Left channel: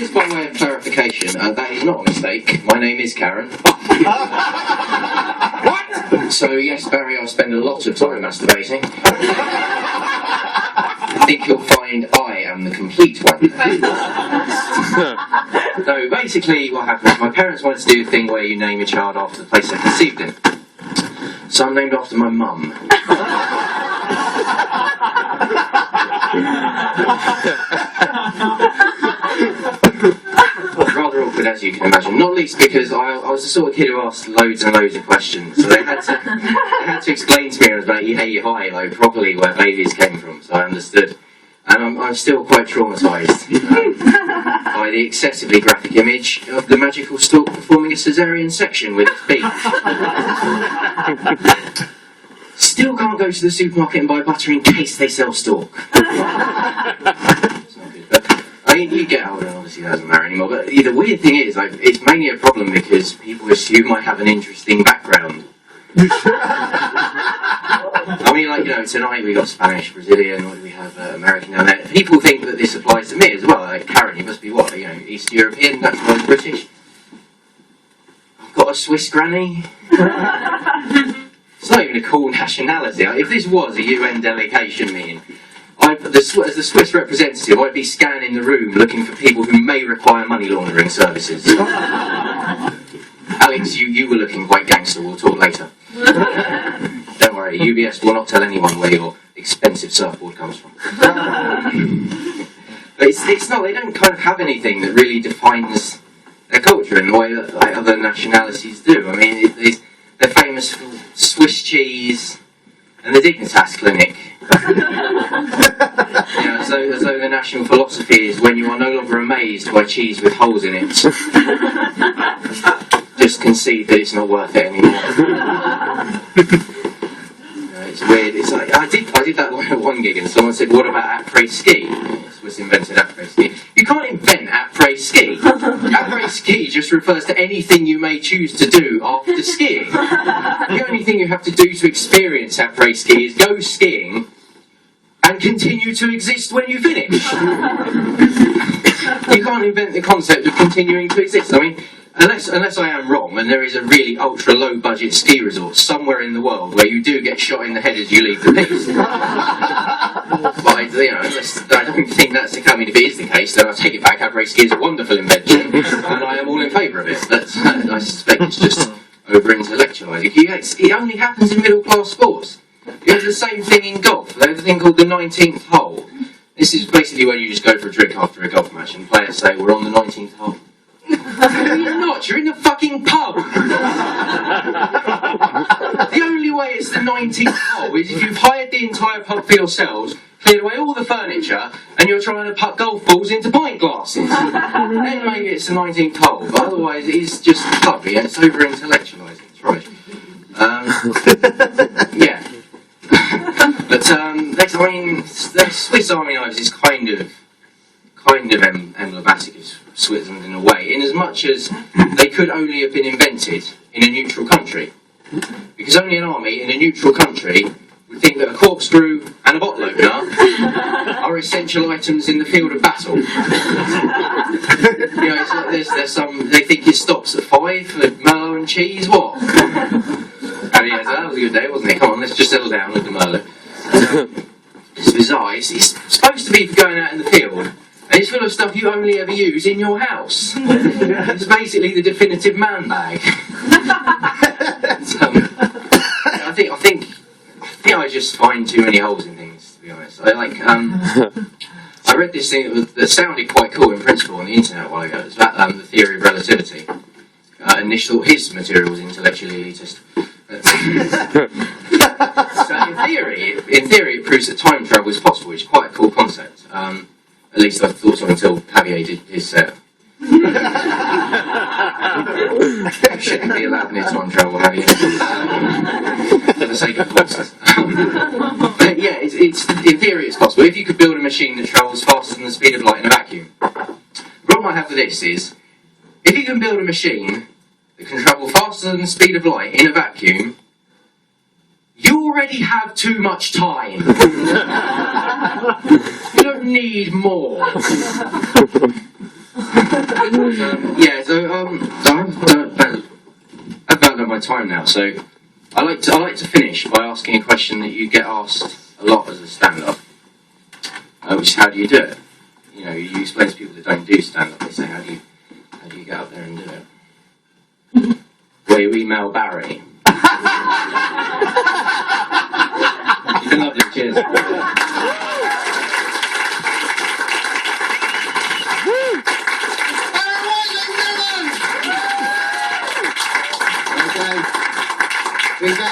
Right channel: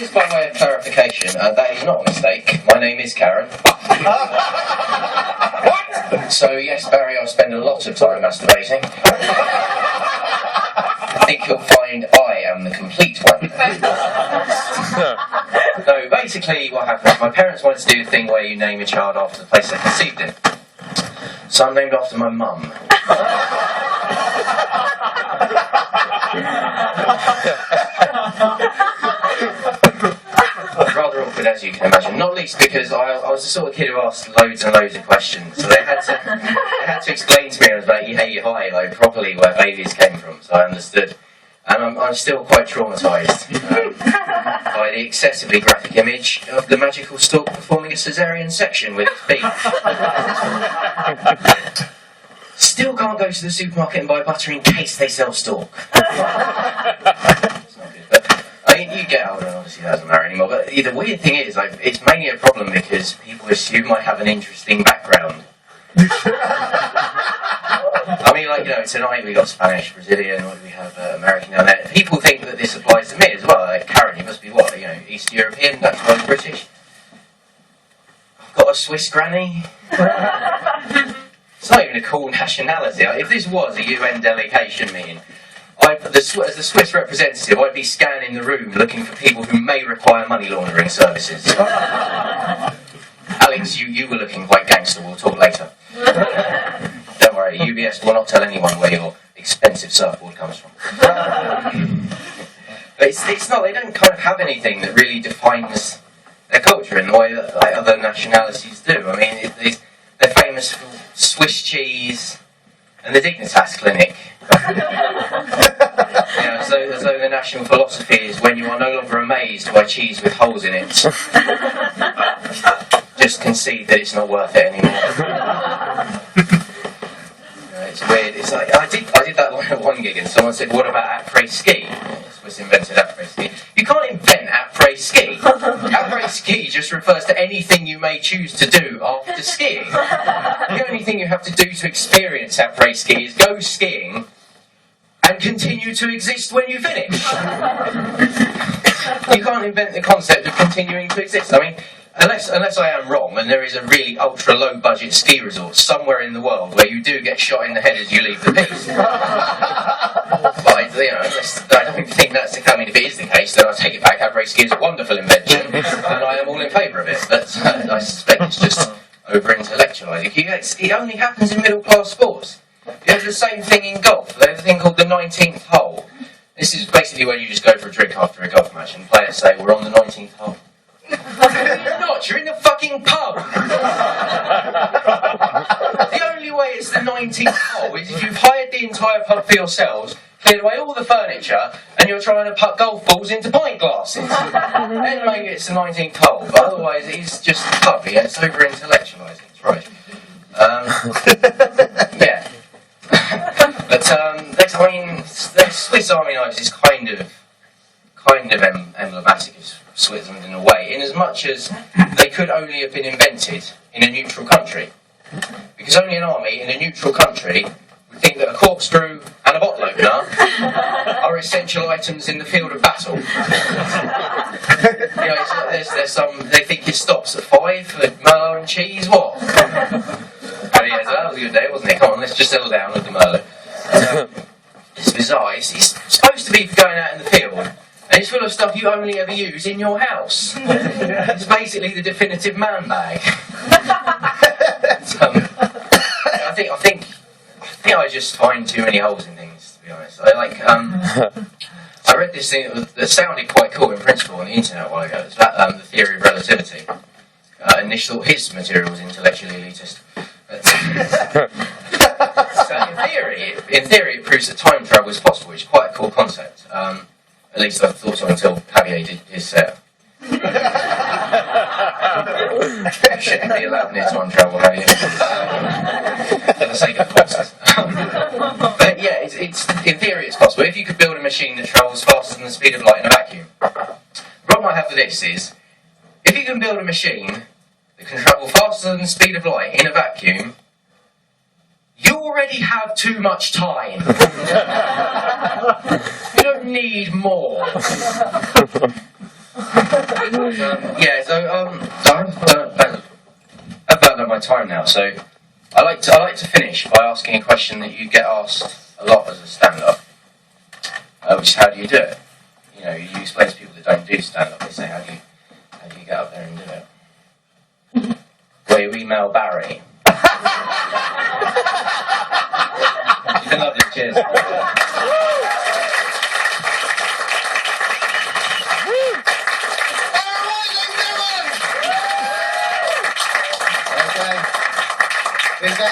Just by way of clarification, that is not a mistake. My name is Karen. What? So yes, Barry, I spend a lot of time masturbating. I think you'll find I am the complete one. No, basically what happened, my parents wanted to do the thing where you name your child after the place they conceived in. So I'm named after my mum. Rather awkward, as you can imagine. Not least because I was the sort of kid who asked loads and loads of questions. So they had to explain to me, I was like, hey, hi, like, properly where babies came from. So I understood. And I'm still quite traumatised by the excessively graphic image of the magical stork performing a caesarean section with its beak. Still can't go to the supermarket and buy butter in case they sell stork. It's not good, but I mean, you get older and obviously that doesn't matter anymore. But the weird thing is, like, it's mainly a problem because people assume I have an interesting background. I mean, like, you know, tonight we got Spanish, Brazilian, what do we have, American down there. People think that this applies to me as well. Like, Karen, you must be what, you know, East European, that's why British. I've got a Swiss granny. It's not even a cool nationality. If this was a UN delegation meeting, as the Swiss representative, I'd be scanning the room looking for people who may require money laundering services. Alex, you were looking quite gangster, we'll talk later. Don't worry, UBS will not tell anyone where your expensive surfboard comes from. But it's not, they don't kind of have anything that really defines their culture in the way that like, other nationalities do. I mean, they're famous for Swiss cheese and the Dignitas Clinic. You know, as though the national philosophy is when you are no longer amazed by cheese with holes in it, just concede that it's not worth it anymore. It's weird. It's like I did that one gig and someone said, "What about après-ski?" Swiss invented après-ski. You can't invent après-ski. Après-ski just refers to anything you may choose to do after skiing. The only thing you have to do to experience après-ski is go skiing and continue to exist when you finish. You can't invent the concept of continuing to exist. I mean, unless I am wrong, and there is a really ultra low budget ski resort somewhere in the world where you do get shot in the head as you leave the piece. But I don't think that's the case. I mean, if it is the case, then I'll take it back. Après-ski is a wonderful invention, and I am all in favour of it. But I suspect it's just over-intellectualising. It only happens in middle-class sports. You have the same thing in golf. They have a thing called the 19th hole. This is basically when you just go for a drink after a golf match, and players say, "We're on the 19th hole." No, you're not. You're in the fucking pub. The only way it's the 19th hole is if you've hired the entire pub for yourselves, cleared away all the furniture, and you're trying to put golf balls into pint glasses. Then maybe it's the 19th hole, but otherwise it is just a pub. Yeah, it's over-intellectualising. It's right. Yeah. But I mean, the Swiss Army knives is kind of emblematic of Switzerland in a way, in as much as they could only have been invented in a neutral country. Because only an army in a neutral country would think that a corkscrew and a bottle opener are essential items in the field of battle. You know, it's like there's some, they think it stops at 5 for Merlot and cheese, what? Oh yeah, so that was a good day, wasn't it? Come on, let's just settle down with the Merlot. It's bizarre. It's supposed to be for going out in the field, and it's full of stuff you only ever use in your house. It's basically the definitive man bag. I think I just find too many holes in things, to be honest. I read this thing that sounded quite cool in principle on the internet a while ago. It's about the theory of relativity. And Nish thought his material was intellectually elitist. So in theory, it proves that time travel is possible, which is quite a cool concept. At least I thought so until Javier did his set. Shouldn't be allowed near time travel, Javier. For the sake of forces. But yeah, it's in theory it's possible. If you could build a machine that travels faster than the speed of light in a vacuum. The problem I have with this is, if you can build a machine that can travel faster than the speed of light in a vacuum, you already have too much time. You don't need more. So I've about done my time now. So I like to finish by asking a question that you get asked a lot as a stand-up, which is how do you do it? You know, you explain to people that don't do stand-up. They say, how do you get up there and do it? Well, you email Barry. You've been lovely. Cheers. Okay.